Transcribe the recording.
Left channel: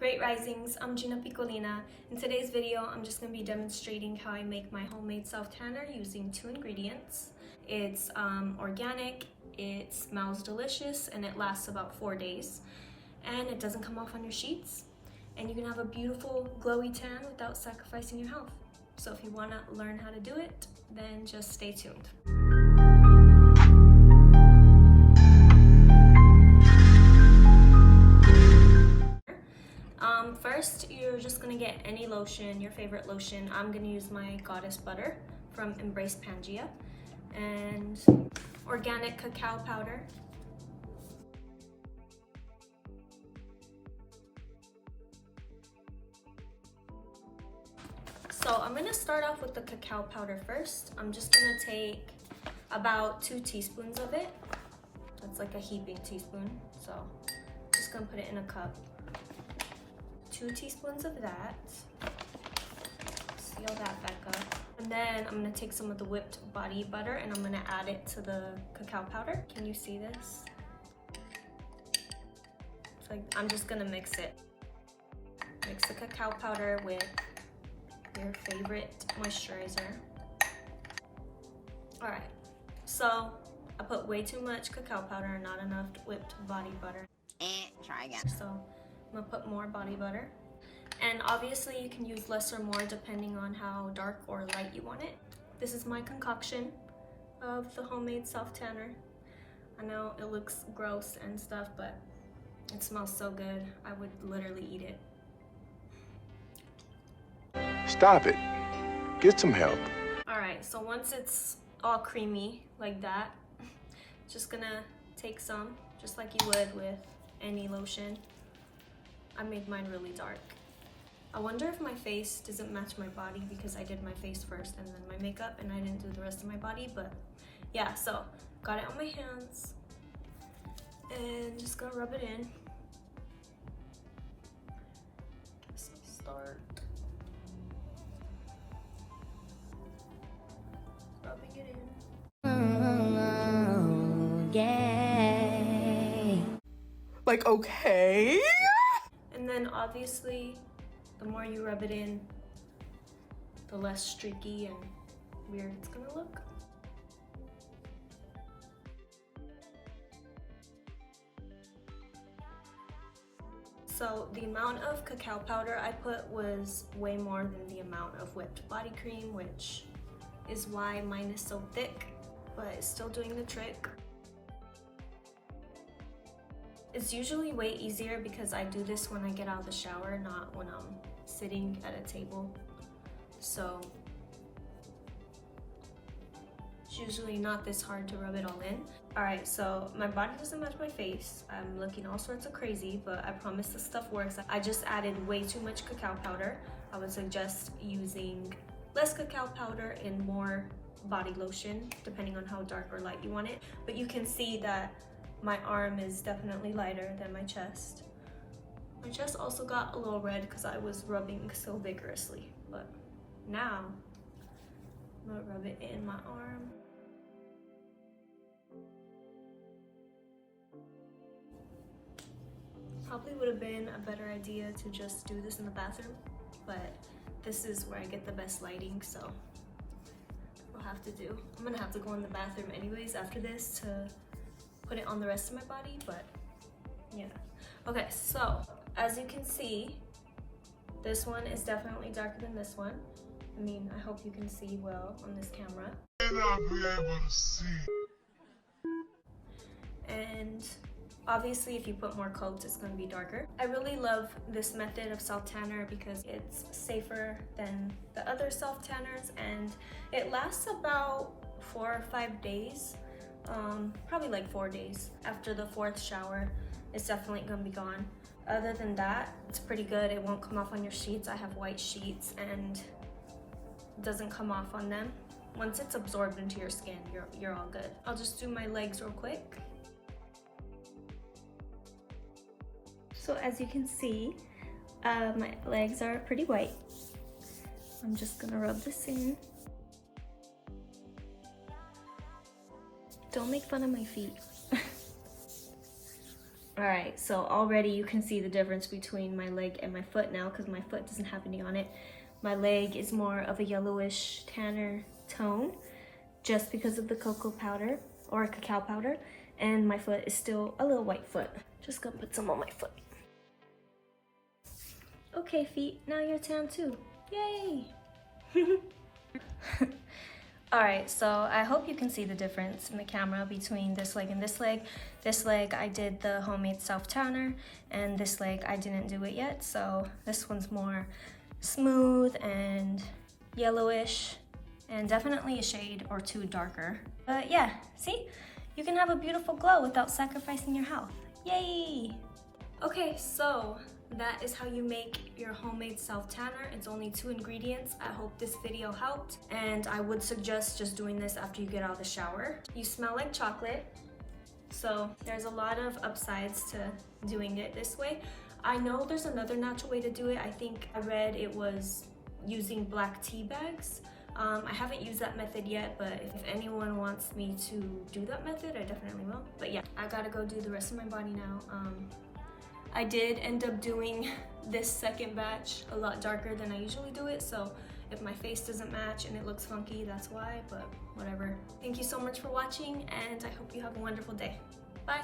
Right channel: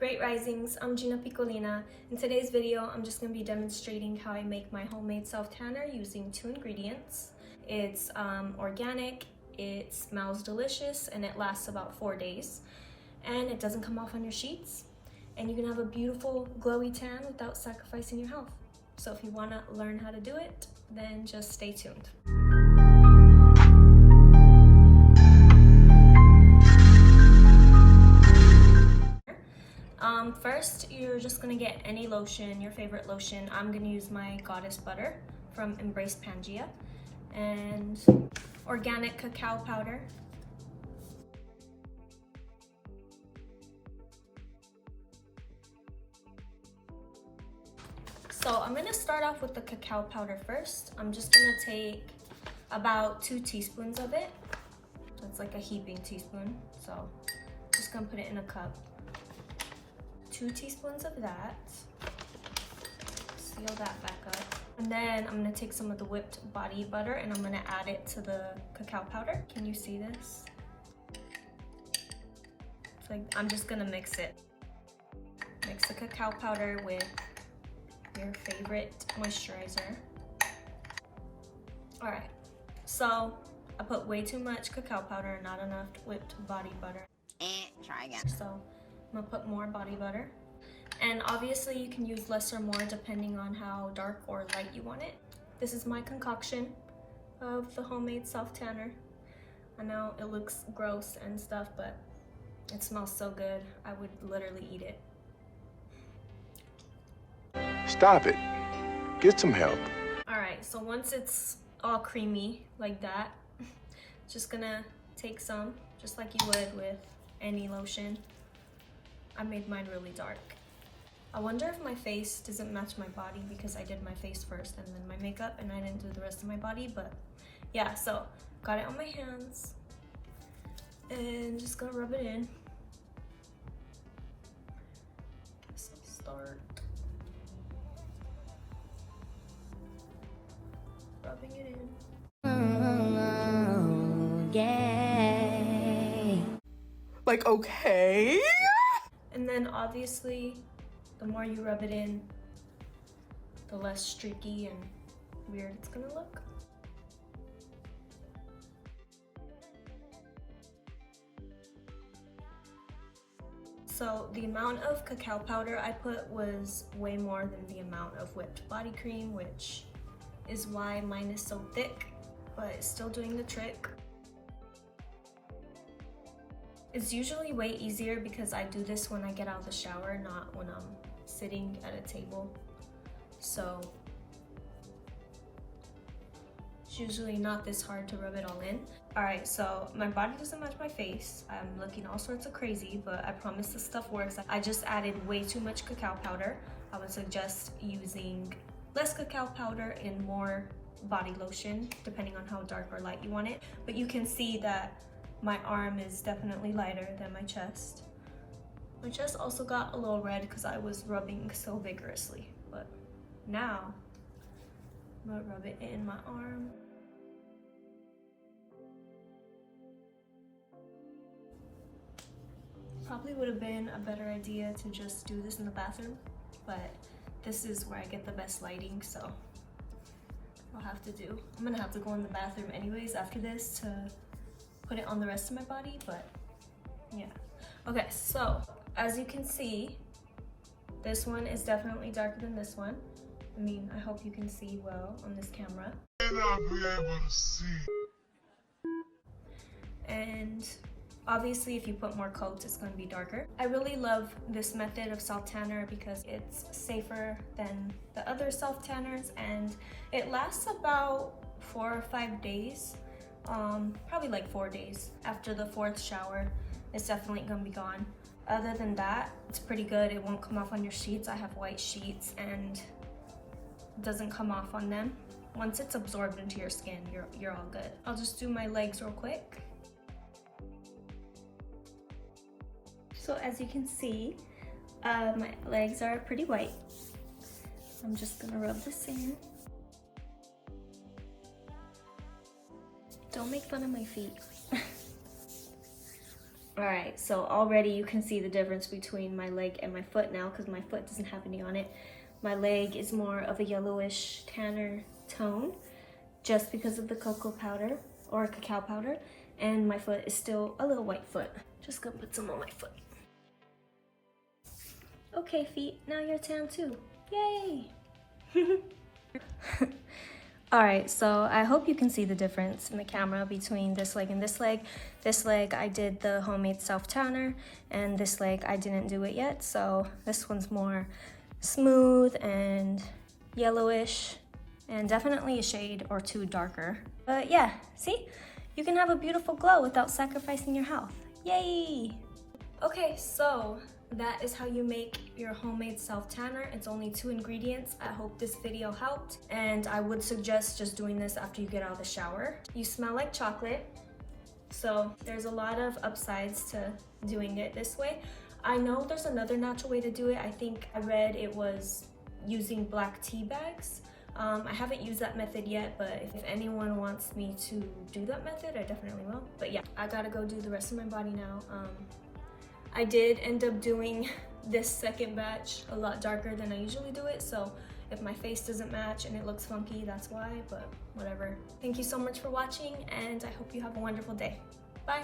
Great Risings, I'm Gina Piccolina. In today's video, I'm just going to be demonstrating how I make my homemade self-tanner using 2 ingredients. It's organic, it smells delicious, and it lasts about 4 days. And it doesn't come off on your sheets. And you can have a beautiful glowy tan without sacrificing your health. So if you want to learn how to do it, then just stay tuned. First, you're just gonna get any lotion, your favorite lotion. I'm gonna use my Goddess Butter from Embrace Pangea, and organic cacao powder. So I'm gonna start off with the cacao powder first. I'm just gonna take about 2 teaspoons of it. That's like a heaping teaspoon. So just gonna put it in a cup. 2 teaspoons of that. Seal that back up. And then I'm gonna take some of the whipped body butter and I'm gonna add it to the cacao powder. Can you see this? It's like, I'm just gonna mix it. Mix the cacao powder with your favorite moisturizer. All right, so I put way too much cacao powder and not enough whipped body butter. Try again. So I'm gonna put more body butter. And obviously you can use less or more depending on how dark or light you want it. This is my concoction of the homemade self-tanner. I know it looks gross and stuff, but it smells so good. I would literally eat it. Stop it. Get some help. Alright, so once it's all creamy like that, just gonna take some, just like you would with any lotion. I made mine really dark. I wonder if my face doesn't match my body because I did my face first and then my makeup and I didn't do the rest of my body, but yeah, so got it on my hands and just gonna rub it in. Guess I'll start rubbing it in. Yeah. Like, okay. And then obviously, the more you rub it in, the less streaky and weird it's gonna look. So the amount of cacao powder I put was way more than the amount of whipped body cream, which is why mine is so thick, but it's still doing the trick. It's usually way easier because I do this when I get out of the shower, not when I'm sitting at a table. So it's usually not this hard to rub it all in. Alright, so my body doesn't match my face. I'm looking all sorts of crazy, but I promise this stuff works. I just added way too much cacao powder. I would suggest using less cacao powder and more body lotion, depending on how dark or light you want it. But you can see that my arm is definitely lighter than my chest. My chest also got a little red because I was rubbing so vigorously. But now, I'm gonna rub it in my arm. Probably would have been a better idea to just do this in the bathroom, but this is where I get the best lighting, so I'll have to do. I'm gonna have to go in the bathroom anyways after this to put it on the rest of my body, but yeah. Okay, so as you can see, this one is definitely darker than this one. I mean, I hope you can see well on this camera. I'll be able to see. And obviously if you put more coats, it's going to be darker. I really love this method of self-tanner because it's safer than the other self-tanners and it lasts about 4 or 5 days. Probably like 4 days. After the 4th shower, it's definitely gonna be gone. Other than that, it's pretty good. It won't come off on your sheets. I have white sheets and it doesn't come off on them. Once it's absorbed into your skin, you're all good. I'll just do my legs real quick. So as you can see, my legs are pretty white. I'm just gonna rub this in. Don't make fun of my feet. Alright, so already you can see the difference between my leg and my foot now because my foot doesn't have any on it. My leg is more of a yellowish tanner tone just because of the cocoa powder or cacao powder, and my foot is still a little white foot. Just gonna put some on my foot. Okay, feet, now you're tan too. Yay! Alright, so I hope you can see the difference in the camera between this leg and this leg. This leg I did the homemade self-tanner, and this leg I didn't do it yet, so this one's more smooth and yellowish, and definitely a shade or two darker. But yeah, see? You can have a beautiful glow without sacrificing your health. Yay! Okay, so that is how you make your homemade self-tanner. It's only 2 ingredients. I hope this video helped, and I would suggest just doing this after you get out of the shower. You smell like chocolate, so there's a lot of upsides to doing it this way. I know there's another natural way to do it. I think I read it was using black tea bags. I haven't used that method yet, but if anyone wants me to do that method, I definitely will. But yeah, I gotta go do the rest of my body now. I did end up doing this second batch a lot darker than I usually do it, so if my face doesn't match and it looks funky, that's why, but whatever. Thank you so much for watching, and I hope you have a wonderful day. Bye!